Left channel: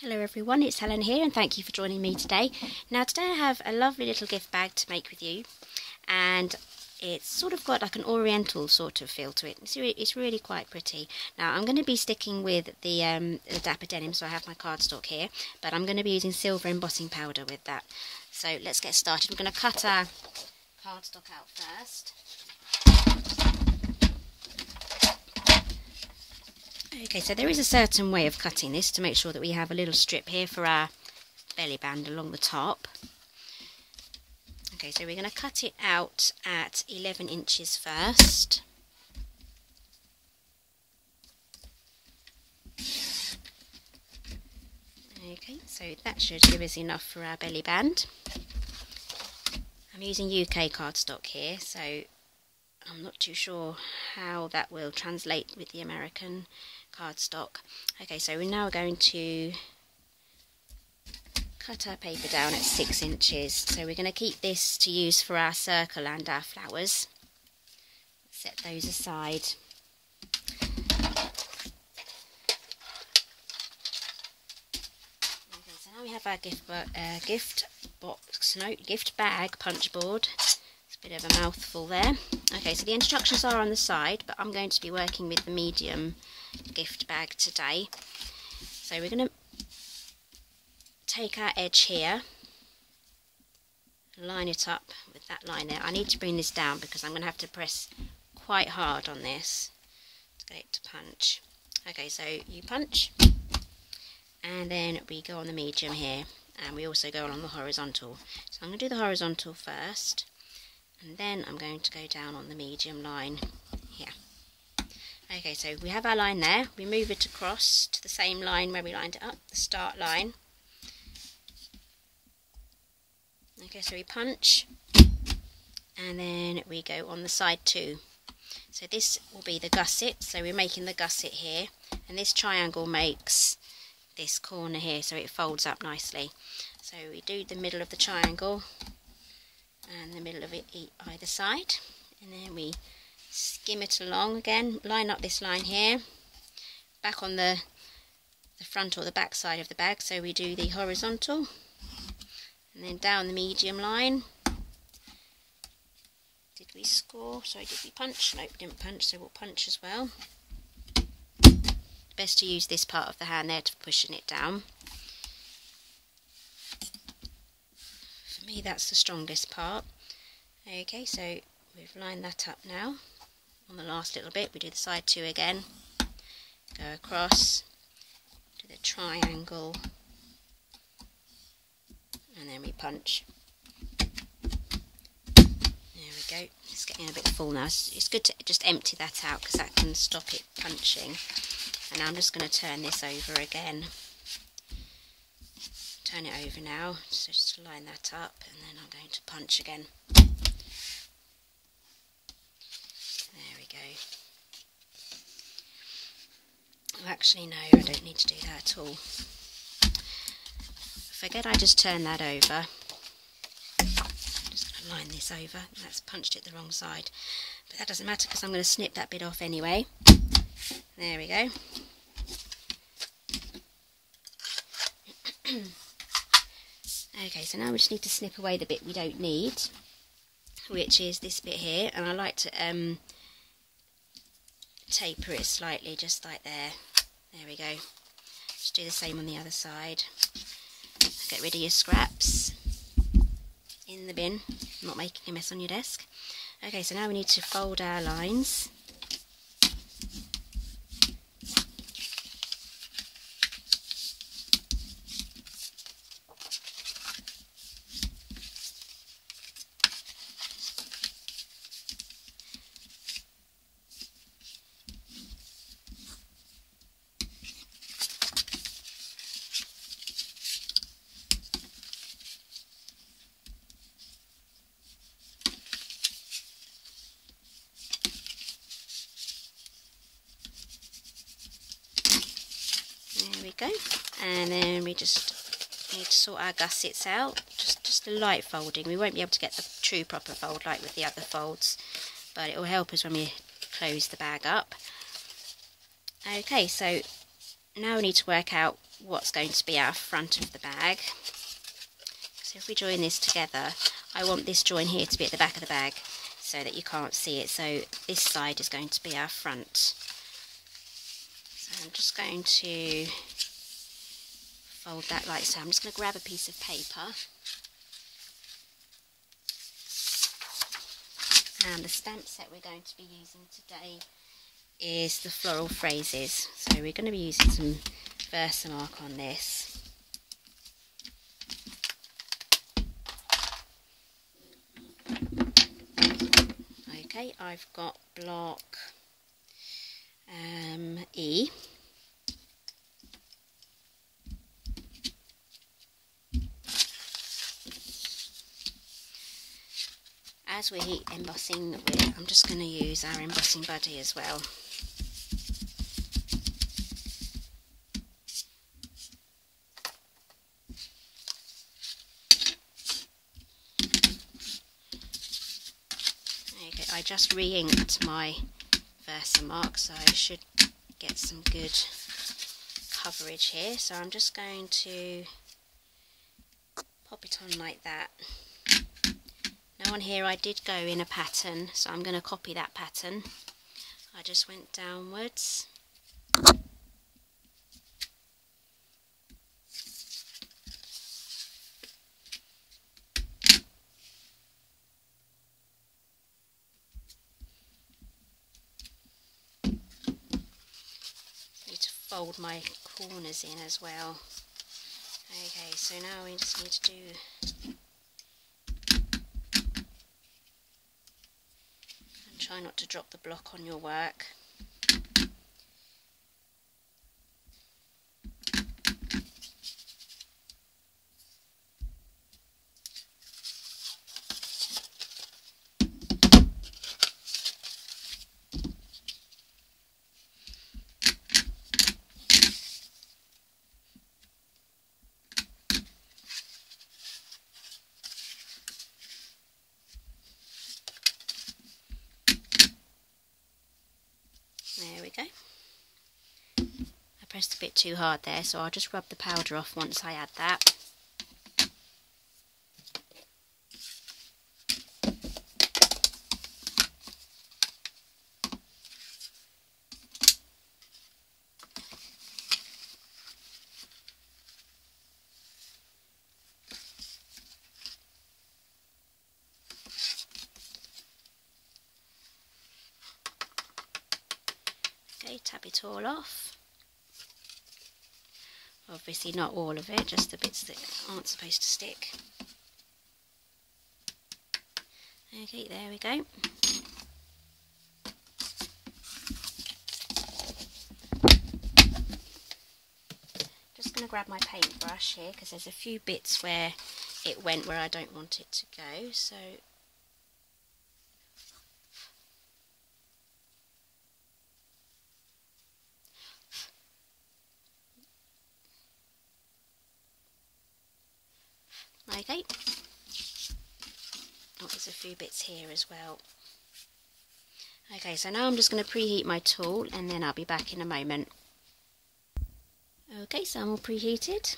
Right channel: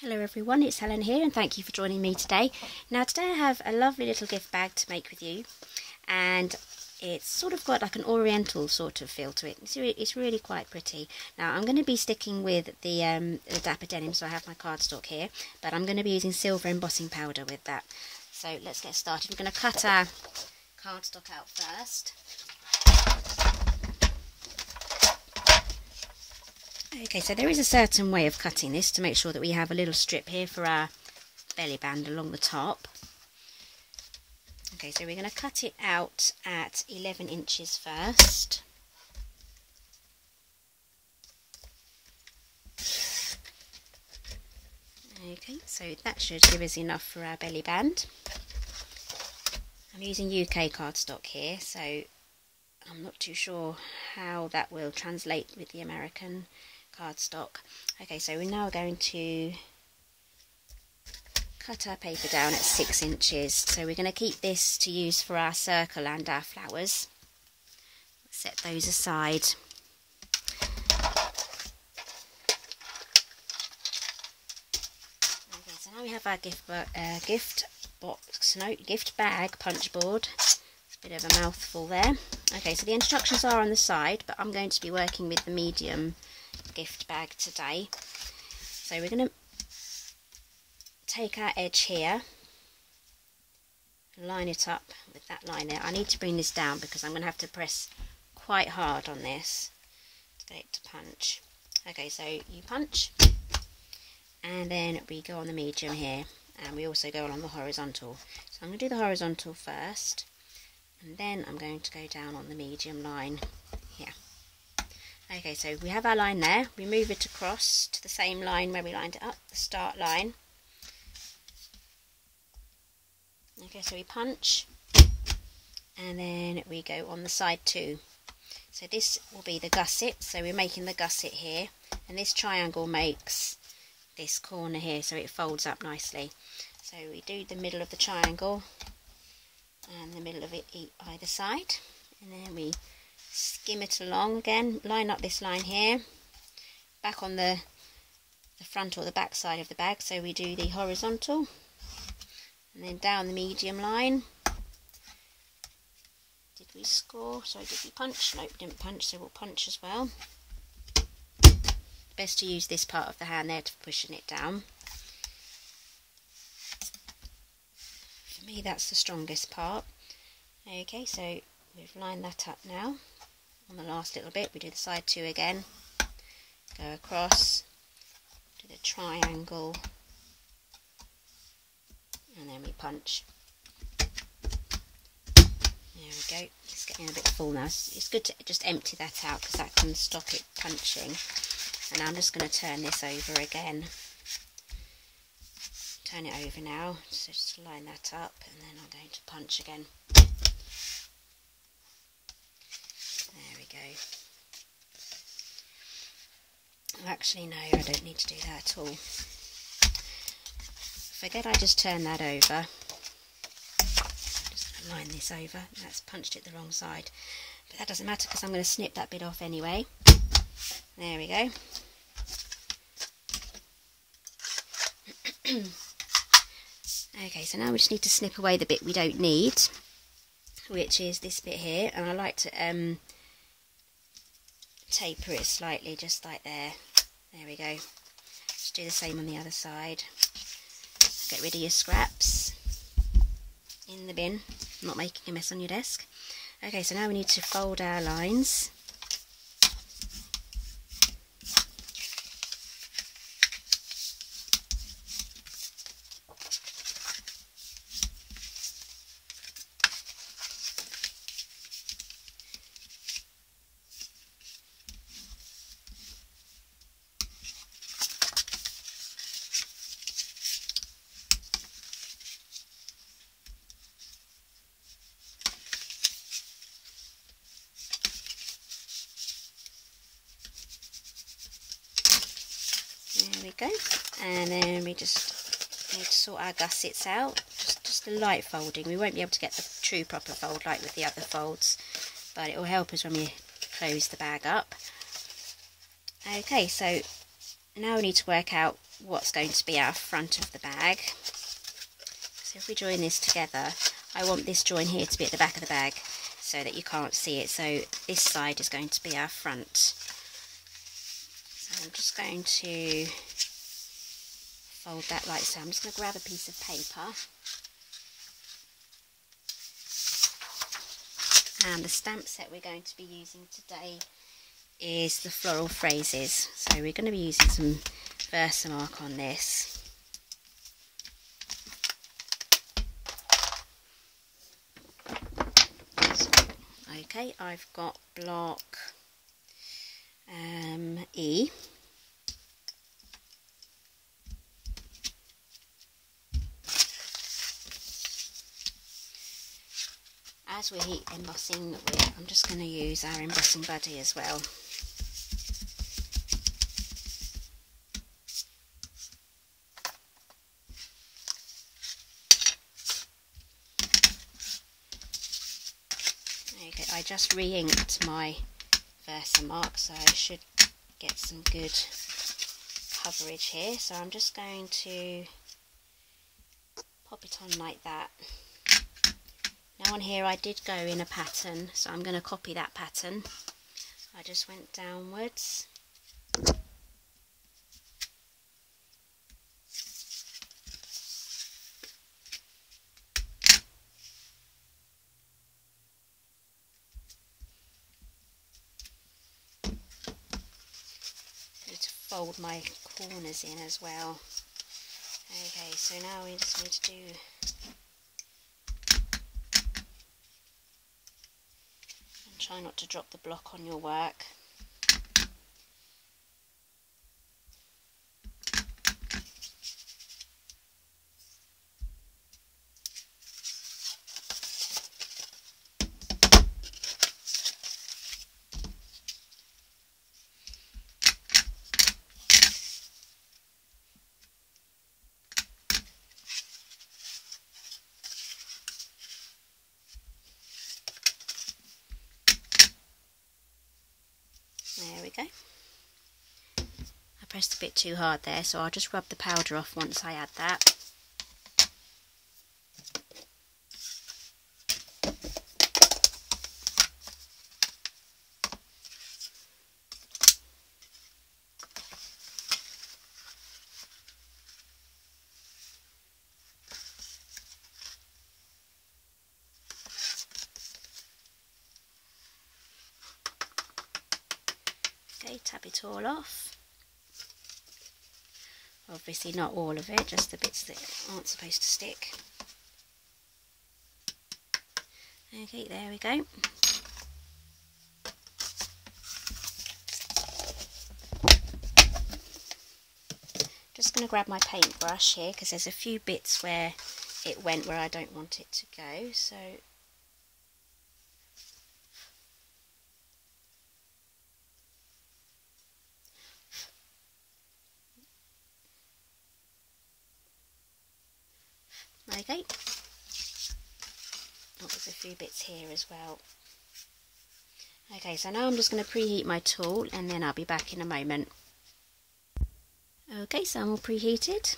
Hello everyone, it's Helen here and thank you for joining me today. Now today I have a lovely little gift bag to make with you, and it's sort of got like an Oriental sort of feel to it. It's really quite pretty. Now I'm going to be sticking with the Dapper Denim, so I have my cardstock here, but I'm going to be using silver embossing powder with that. So let's get started. We're going to cut our cardstock out first. Okay, so there is a certain way of cutting this to make sure that we have a little strip here for our belly band along the top. Okay, so we're going to cut it out at 11 inches first. Okay, so that should give us enough for our belly band. I'm using UK cardstock here, so I'm not too sure how that will translate with the American cardstock. Okay, so we're now going to cut our paper down at 6 inches. So we're going to keep this to use for our circle and our flowers. Set those aside. Okay, so now we have our gift bag punch board. It's a bit of a mouthful there. Okay, so the instructions are on the side, but I'm going to be working with the medium gift bag today. So we're going to take our edge here, line it up with that line there. I need to bring this down because I'm going to have to press quite hard on this to get it to punch. Okay, so you punch, and then we go on the medium here, and we also go on the horizontal. So I'm going to do the horizontal first, and then I'm going to go down on the medium line here. Okay, so we have our line there. We move it across to the same line where we lined it up, the start line. Okay, so we punch, and then we go on the side too. So this will be the gusset, so we're making the gusset here, and this triangle makes this corner here, so it folds up nicely. So we do the middle of the triangle, and the middle of it either side, and then we skim it along again, line up this line here, back on the front or the back side of the bag, so we do the horizontal, and then down the medium line. Did we score? Sorry, did we punch? No, we didn't punch, so we'll punch as well. Best to use this part of the hand there to pushing it down. For me, that's the strongest part. Okay, so we've lined that up now. On the last little bit, we do the side two again, go across to the triangle, and then we punch. There we go. It's getting a bit full now. It's good to just empty that out because that can stop it punching. And I'm just going to turn this over again. Turn it over now, so just line that up, and then I'm going to punch again. There we go. Oh, actually no, I don't need to do that at all. Forget I just turned that over. I'm just going to line this over. That's punched it the wrong side. But that doesn't matter because I'm going to snip that bit off anyway. There we go. Okay, so now we just need to snip away the bit we don't need, which is this bit here, and I like to taper it slightly, just like there. There we go. Just do the same on the other side. Get rid of your scraps in the bin, not making a mess on your desk. Okay, so now we need to fold our lines. There we go, and then we just need to sort our gussets out, just a light folding. We won't be able to get the true proper fold like with the other folds, but it will help us when we close the bag up. Okay, so now we need to work out what's going to be our front of the bag. So if we join this together, I want this join here to be at the back of the bag so that you can't see it. So this side is going to be our front. So I'm just going to fold that like so. I'm just going to grab a piece of paper. And the stamp set we're going to be using today is the Floral Phrases. So we're going to be using some Versamark on this. Okay, I've got block E. As we're embossing, I'm just going to use our embossing buddy as well. Okay, I just re-inked my Versamark, so I should get some good coverage here. So I'm just going to pop it on like that. Now on here I did go in a pattern, so I'm going to copy that pattern. I just went downwards. Need to fold my corners in as well. Okay, so now we just need to do... Try not to drop the block on your work. There we go. I pressed a bit too hard there, so I'll just rub the powder off once I add that. Okay, tap it all off. Obviously not all of it, just the bits that aren't supposed to stick. Okay, there we go. Just going to grab my paintbrush here because there's a few bits where it went where I don't want it to go, so okay. Oh, there's a few bits here as well. Okay, so now I'm just going to preheat my tool and then I'll be back in a moment. Okay, so I'm all preheated.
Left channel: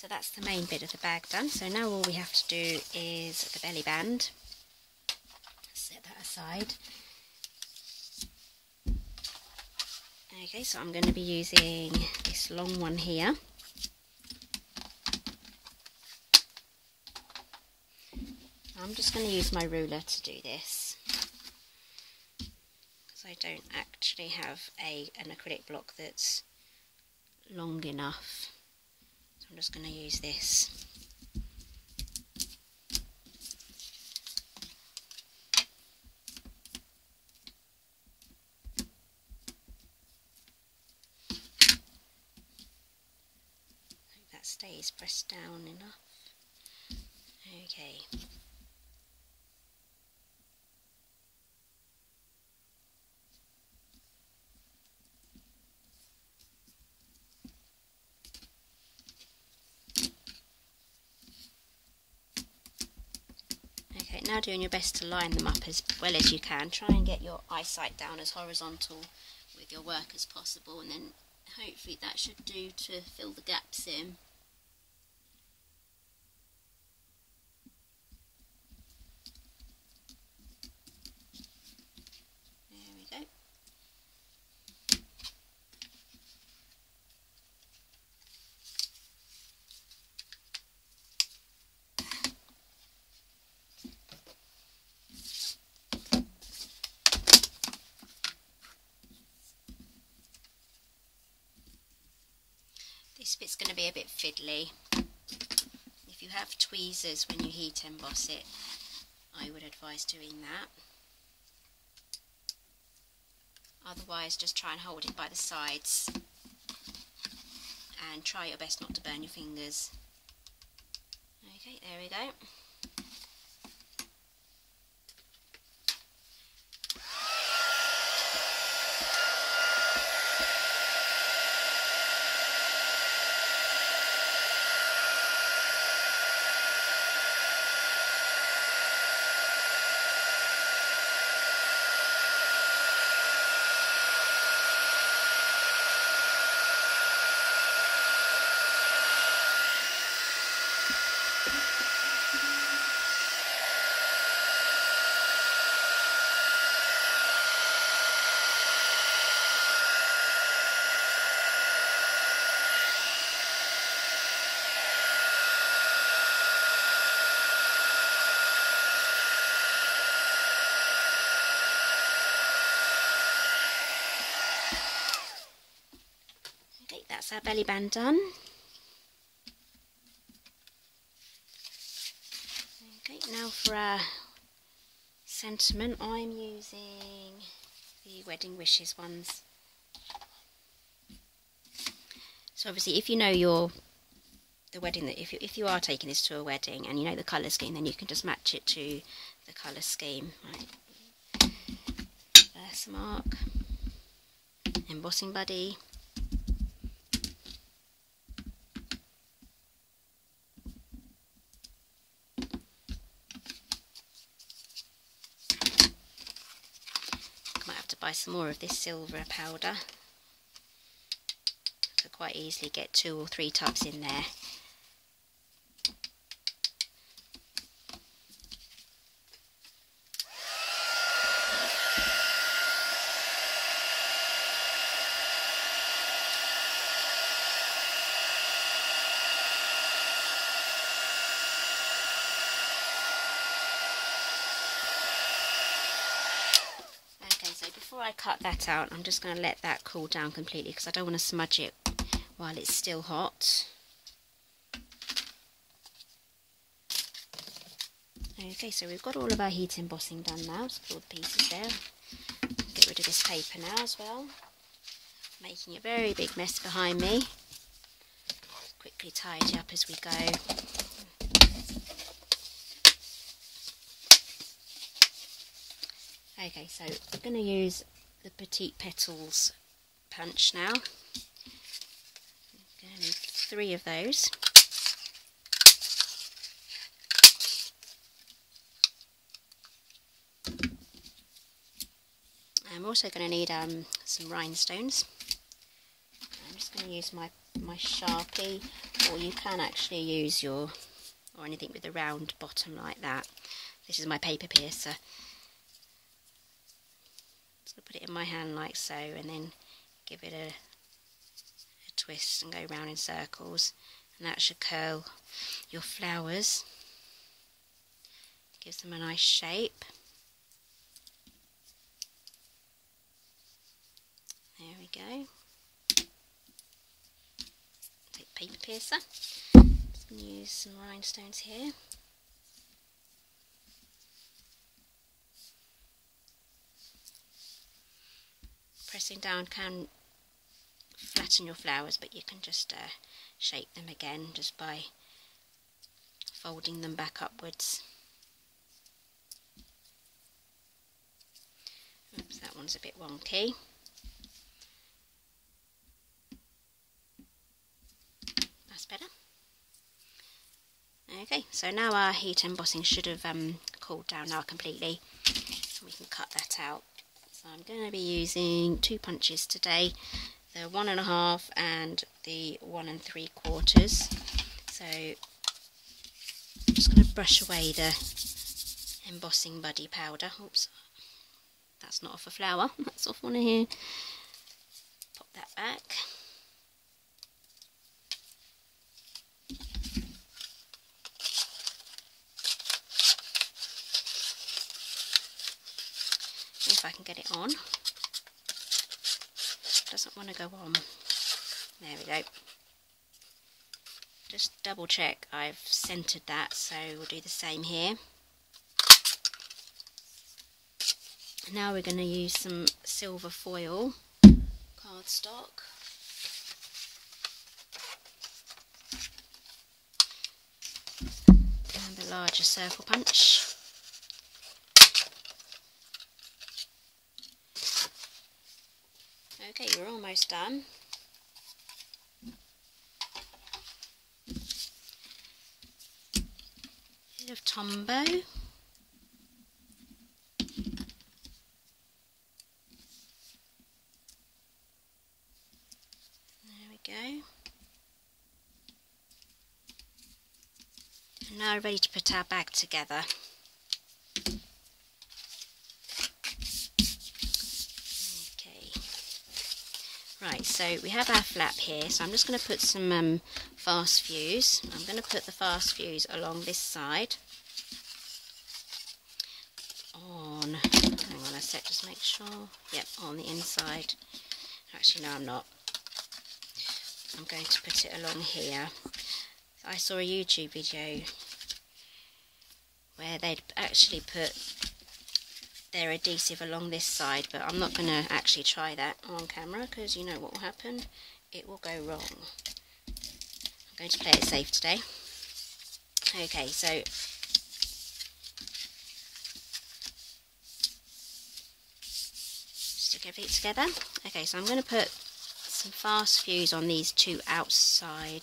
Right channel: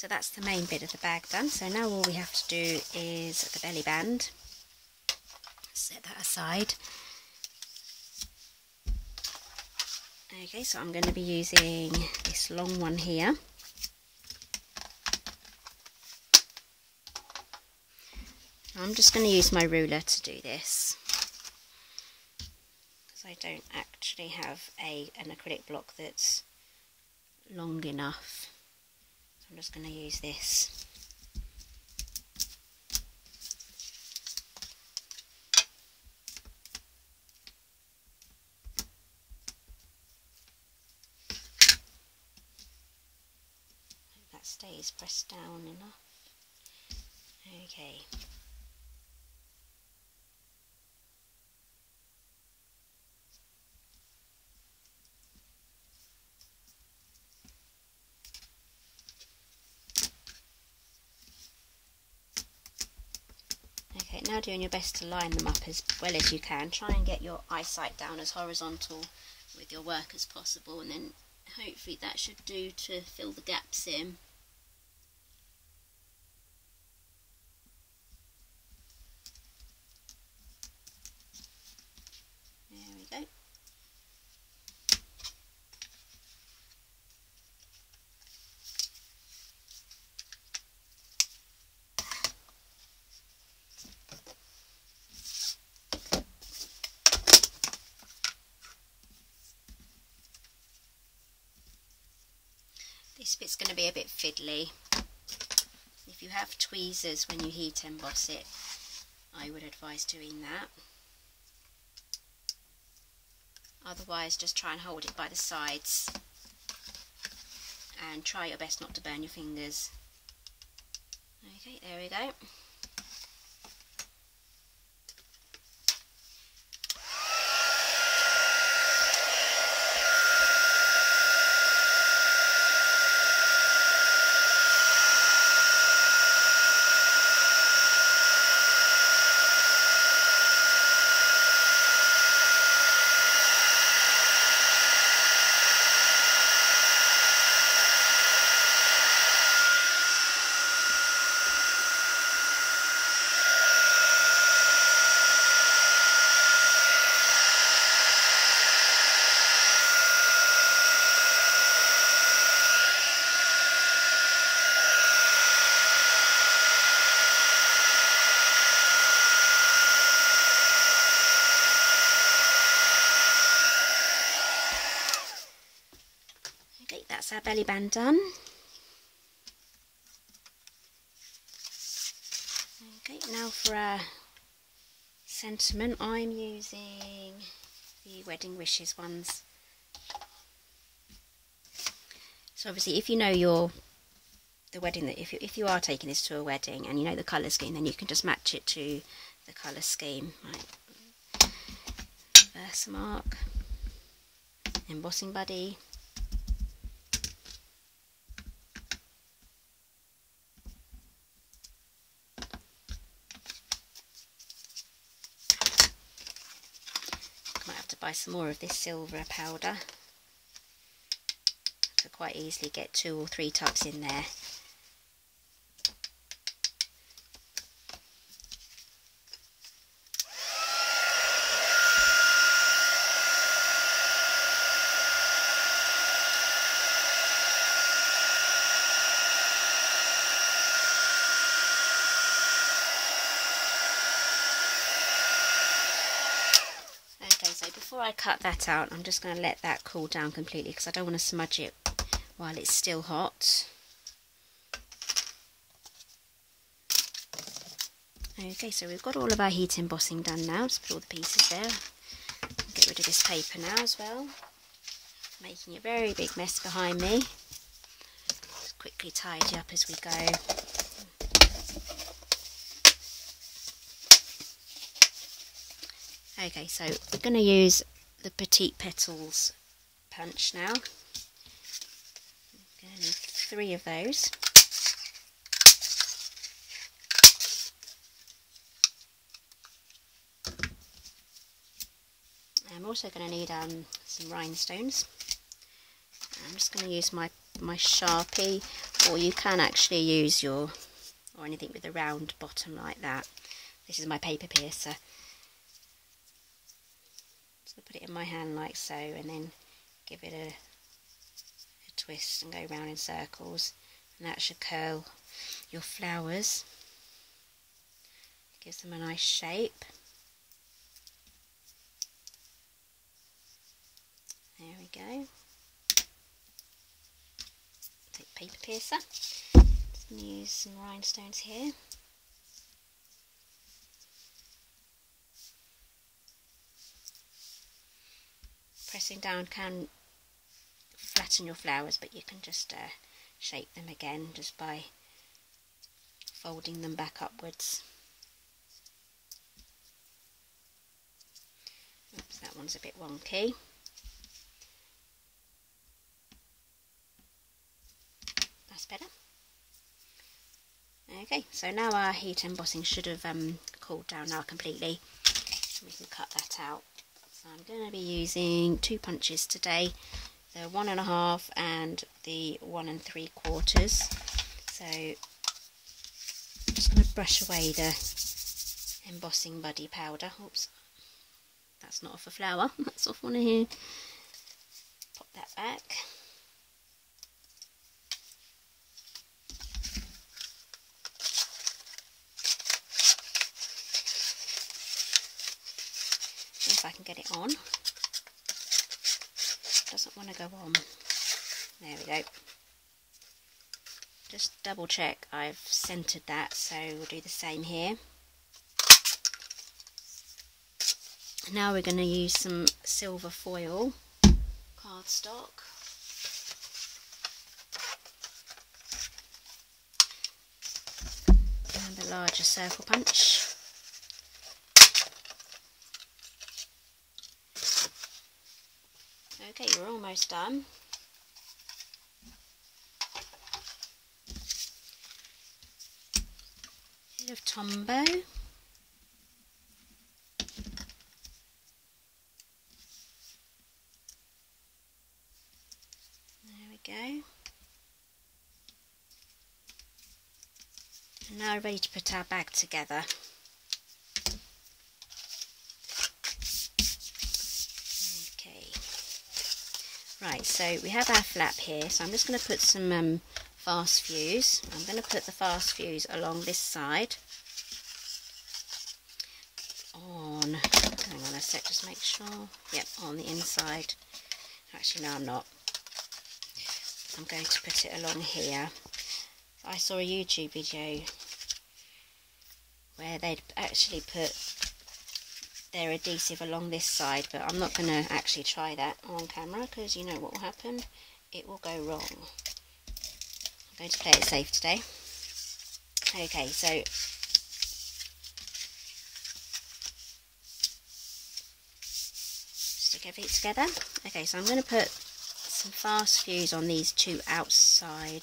So that's the main bit of the bag done. So now all we have to do is the belly band. Set that aside. Okay, so I'm going to be using this long one here. I'm just going to use my ruler to do this, because I don't actually have an acrylic block that's long enough. So I'm just going to use this. Hope that stays pressed down enough. Okay. Okay, now doing your best to line them up as well as you can. Try and get your eyesight down as horizontal with your work as possible, and then hopefully that should do to fill the gaps in. There we go. This bit's going to be a bit fiddly. If you have tweezers when you heat emboss it, I would advise doing that. Otherwise, just try and hold it by the sides and try your best not to burn your fingers. Okay, there we go. Okay, that's our belly band done. Okay, now for our sentiment, I'm using the Wedding Wishes ones. So obviously, if you know the wedding, that if you are taking this to a wedding and you know the colour scheme, then you can just match it to the colour scheme. Right, Versamark, embossing buddy. Might have to buy some more of this silver powder. Could quite easily get 2 or 3 tubs in there. So before I cut that out, I'm just going to let that cool down completely, because I don't want to smudge it while it's still hot. Okay, so we've got all of our heat embossing done now. Just put all the pieces there. Get rid of this paper now as well. Making a very big mess behind me. Just quickly tidy up as we go. Okay, so we're going to use the Petite Petals punch now. I'm going to need 3 of those. I'm also going to need some rhinestones. I'm just going to use my Sharpie. or you can actually use or anything with a round bottom like that. This is my paper piercer. Just gonna put it in my hand like so, and then give it a twist and go round in circles, and that should curl your flowers. Gives them a nice shape. There we go. Take the paper piercer. Just going to use some rhinestones here. Pressing down can flatten your flowers, but you can just shape them again just by folding them back upwards. Oops, that one's a bit wonky. That's better. Okay, so now our heat embossing should have cooled down now completely, so we can cut that out. So I'm going to be using 2 punches today, the 1.5 and the 1 3/4. So I'm just going to brush away the embossing buddy powder. Oops, that's not off a flower, that's off one of here. Pop that back. If I can get it on. Doesn't want to go on. There we go. Just double check I've centered that, so we'll do the same here. Now we're going to use some silver foil cardstock. And the larger circle punch. Okay, you're almost done. Bit of Tombow. There we go. And now we're ready to put our bag together. Right, so we have our flap here, so I'm just going to put some fast fuse. I'm going to put the fast fuse along this side. Hang on a sec, just make sure. Yep, on the inside. Actually, no, I'm not. I'm going to put it along here. I saw a YouTube video where they'd actually put their adhesive along this side, but I'm not going to actually try that on camera because you know what will happen, it will go wrong. I'm going to play it safe today. Okay, so stick everything together. Okay, so I'm going to put some fast fuse on these two side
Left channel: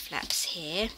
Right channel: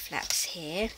flaps here.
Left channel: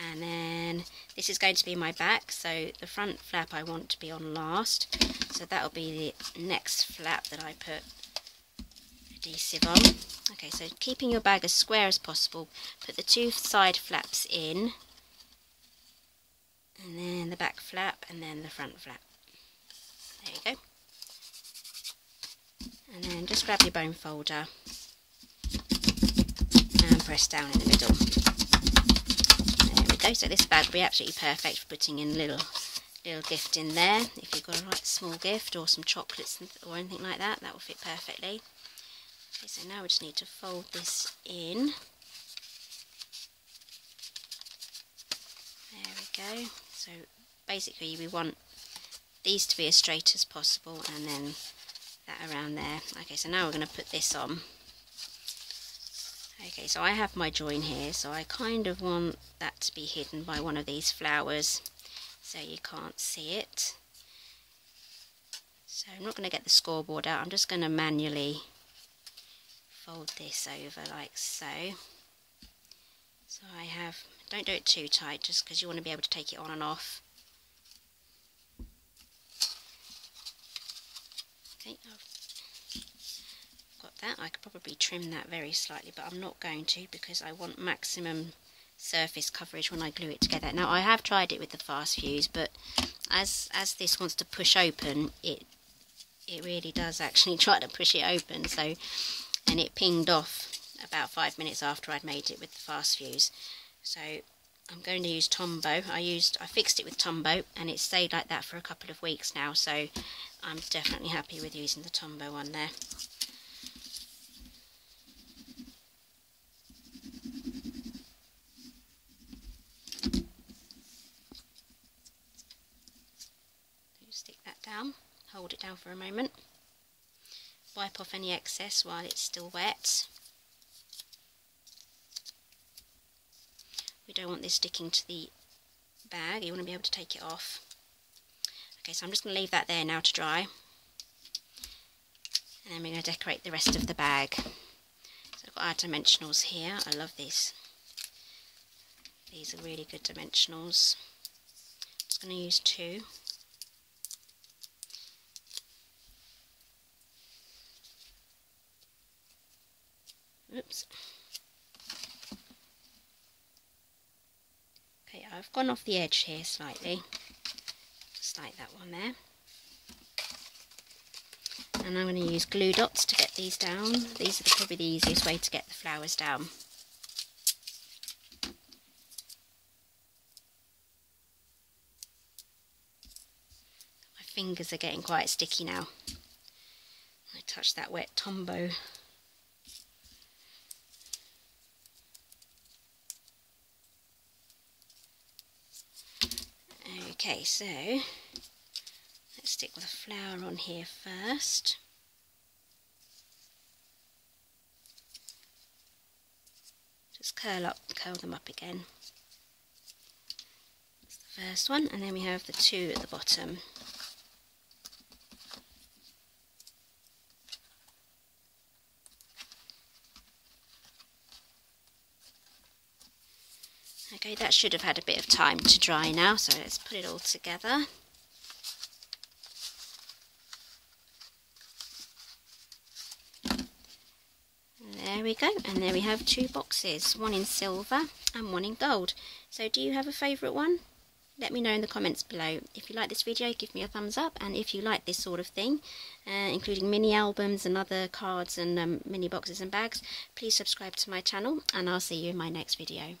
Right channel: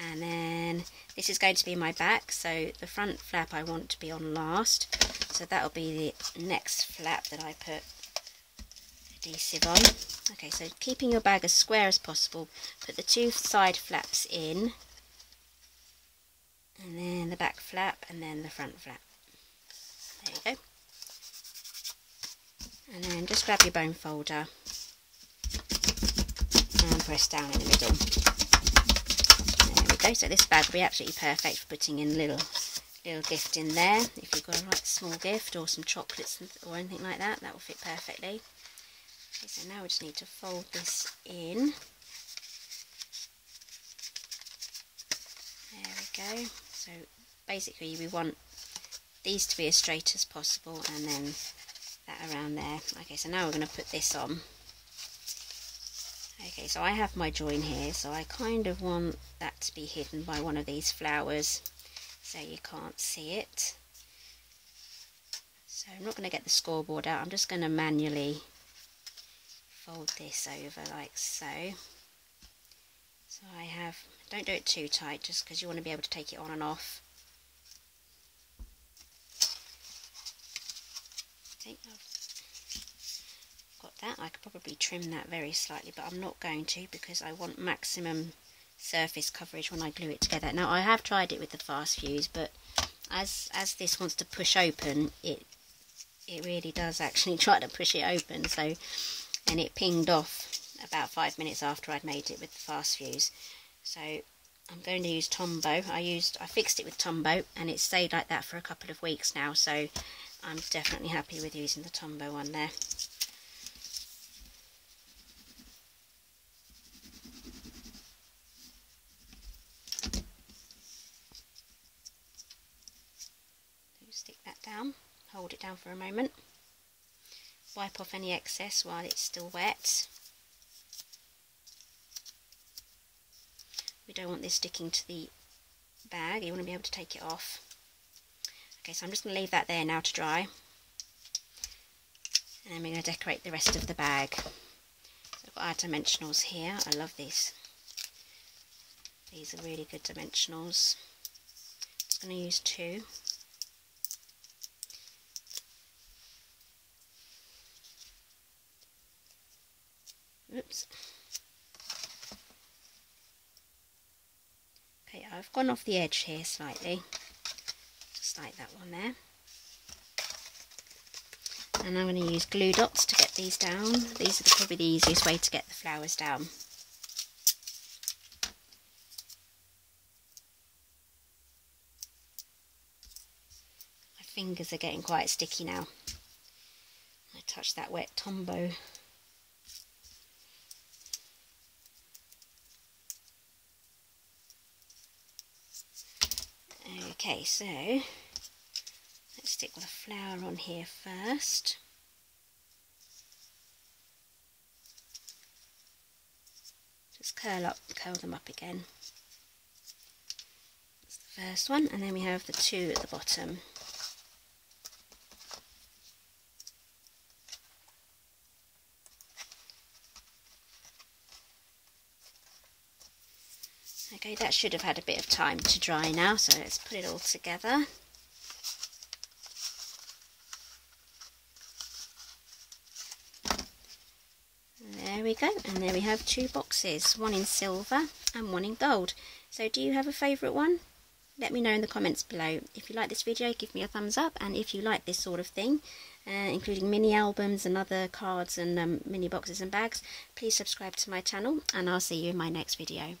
And then this is going to be my back, so the front flap I want to be on last, so that'll be the next flap that I put adhesive on. Okay, so keeping your bag as square as possible, put the 2 side flaps in, and then the back flap, and then the front flap. There you go. And then just grab your bone folder and press down in the middle. So this bag will be absolutely perfect for putting in little gift in there. If you've got a small gift or some chocolates or anything like that, that will fit perfectly. Okay, so now we just need to fold this in. There we go. So basically we want these to be as straight as possible, and then that around there. Okay, so now we're going to put this on. Okay, so I have my join here, so I kind of want that to be hidden by one of these flowers so you can't see it. So I'm not going to get the scoreboard out, I'm just going to manually fold this over like so. So I have, don't do it too tight just because you want to be able to take it on and off. Okay, that. I could probably trim that very slightly, but I'm not going to because I want maximum surface coverage when I glue it together. Now I have tried it with the fast fuse, but as this wants to push open, it really does actually try to push it open. So, and it pinged off about 5 minutes after I'd made it with the fast fuse. So I'm going to use Tombow. I fixed it with Tombow, and it stayed like that for a couple of weeks now, so I'm definitely happy with using the Tombow one there. Stick that down, hold it down for a moment, wipe off any excess while it's still wet. We don't want this sticking to the bag, you want to be able to take it off. Okay, so I'm just going to leave that there now to dry, and then we're going to decorate the rest of the bag. So I've got our dimensionals here. I love these. These are really good dimensionals. I'm just going to use 2. Oops. Okay, I've gone off the edge here slightly, just like that one there. And I'm going to use glue dots to get these down. These are probably the easiest way to get the flowers down. My fingers are getting quite sticky now. I touch that wet Tombow. Okay, so let's stick with a flower on here first. Just curl them up again. That's the first one, and then we have the 2 at the bottom. Okay, that should have had a bit of time to dry now, so let's put it all together. There we go, and there we have 2 boxes, one in silver and one in gold. So do you have a favourite one? Let me know in the comments below. If you like this video, give me a thumbs up, and if you like this sort of thing, including mini albums and other cards and mini boxes and bags, please subscribe to my channel, and I'll see you in my next video.